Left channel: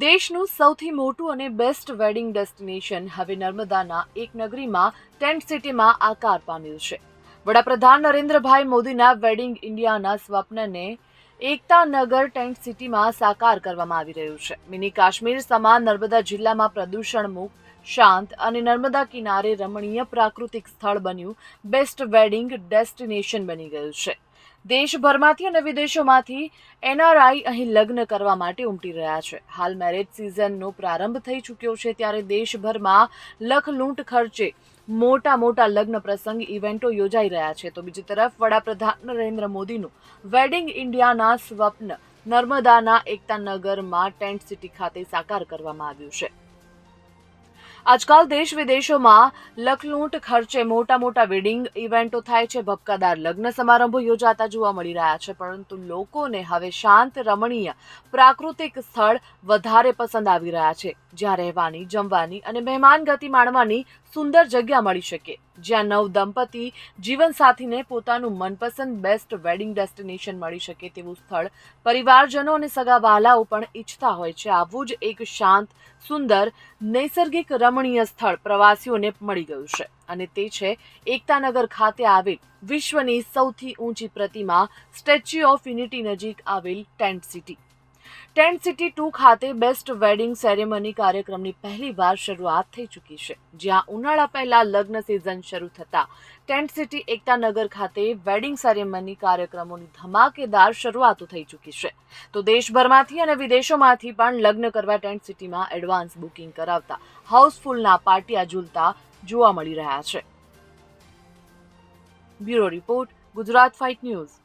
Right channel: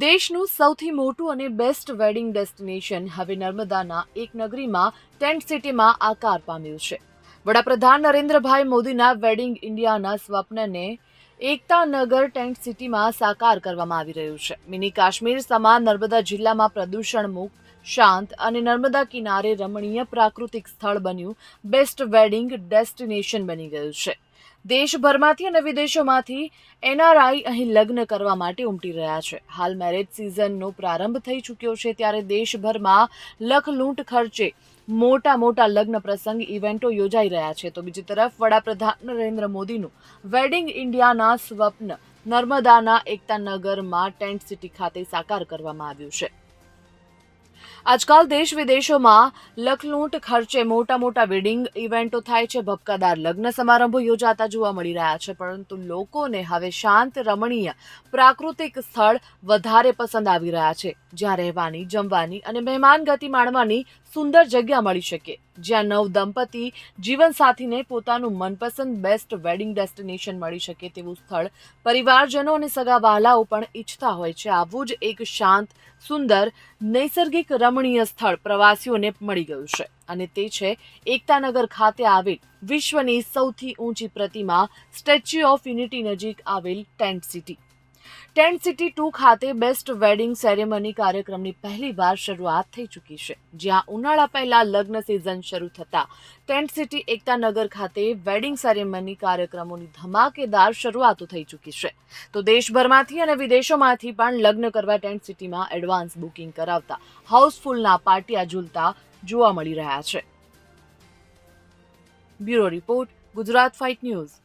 દેશનું સૌથી મોટું અને બેસ્ટ વેડિંગ ડેસ્ટિનેશન હવે નર્મદાના એક નગરીમાં ટેન્ટ સિટીમાં આકાર પામ્યું છે. વડાપ્રધાન નરેન્દ્રભાઈ મોદીના વેડિંગ ઇન્ડિયાના સ્વપ્નને એકતા નગર ટેન્ટ સિટીમાં સાકાર કરવામાં આવી રહ્યું છે. મિની કાશ્મીર સમાન નર્મદા જિલ્લામાં પ્રદૂષણ મુક્ત શાંત અને નર્મદા કિનારે રમણીય પ્રાકૃતિક સ્થળ બન્યું બેસ્ટ વેડિંગ ડેસ્ટિનેશન બની ગયું છે. દેશભરમાંથી અને વિદેશોમાંથી એનઆરઆઈ અહીં લગ્ન કરવા માટે ઉમટી રહ્યા છે. હાલ મેરેજ સિઝનનો પ્રારંભ થઈ ચૂક્યો છે ત્યારે દેશભરમાં લખલૂંટ ખર્ચે મોટા મોટા લગ્ન પ્રસંગ ઇવેન્ટો યોજાઈ રહ્યા છે. તો બીજી તરફ વડાપ્રધાન નરેન્દ્ર મોદીનું વેડિંગ ઇન્ડિયાના સ્વપ્ન નર્મદાના એકતાનગરમાં ટેન્ટ સિટી ખાતે સાકાર કરવામાં આવ્યું છે. આજકાલ દેશ વિદેશોમાં લખલૂંટ ખર્ચે મોટા મોટા વેડિંગ ઇવેન્ટો થાય છે. ભપકાદાર લગ્ન સમારંભો યોજાતા જોવા મળી રહ્યા છે. પરંતુ લોકોને હવે શાંત, રમણીય, પ્રાકૃતિક સ્થળ વધારે પસંદ આવી રહ્યા છે. જ્યાં રહેવાની, જમવાની અને મહેમાન ગતિ માણવાની સુંદર જગ્યા મળી શકે, જ્યાં નવ દંપતી જીવનસાથીને પોતાનું મનપસંદ બેસ્ટ વેડિંગ ડેસ્ટિનેશન મળી શકે તેવું સ્થળ પરિવારજનો અને સગા વહાલાઓ પણ ઈચ્છતા હોય છે. આવું જ એક શાંત, સુંદર, નૈસર્ગિક, રમણીય સ્થળ પ્રવાસીઓને મળી ગયું છે. અને તે છે એકતાનગર ખાતે આવેલ વિશ્વની સૌથી ઊંચી પ્રતિમા, સ્ટેચ્યુ ઓફ યુનિટી નજીક આવેલ tent city. Tent city two ખાતે બેસ્ટ વેડિંગ સેરેમની કાર્યક્રમની પહેલીવાર શરૂઆત થઈ ચૂકી છે. જ્યાં ઉનાળા પહેલા લગ્ન સિઝન શરૂ થતા ટેન્ટ સિટી એકતાનગર ખાતે વેડિંગ સેરેમની કાર્યક્રમોની ધમાકેદાર શરૂઆતો થઈ ચૂકી છે. તો દેશભરમાંથી અને વિદેશોમાંથી પણ લગ્ન કરવા ટેન્ટ સિટીમાં એડવાન્સ બુકિંગ કરાવતા હાઉસફુલના પાટિયા ઝૂલતા જોવા મળી રહ્યા છે. Bureau report, Gujarat fight news.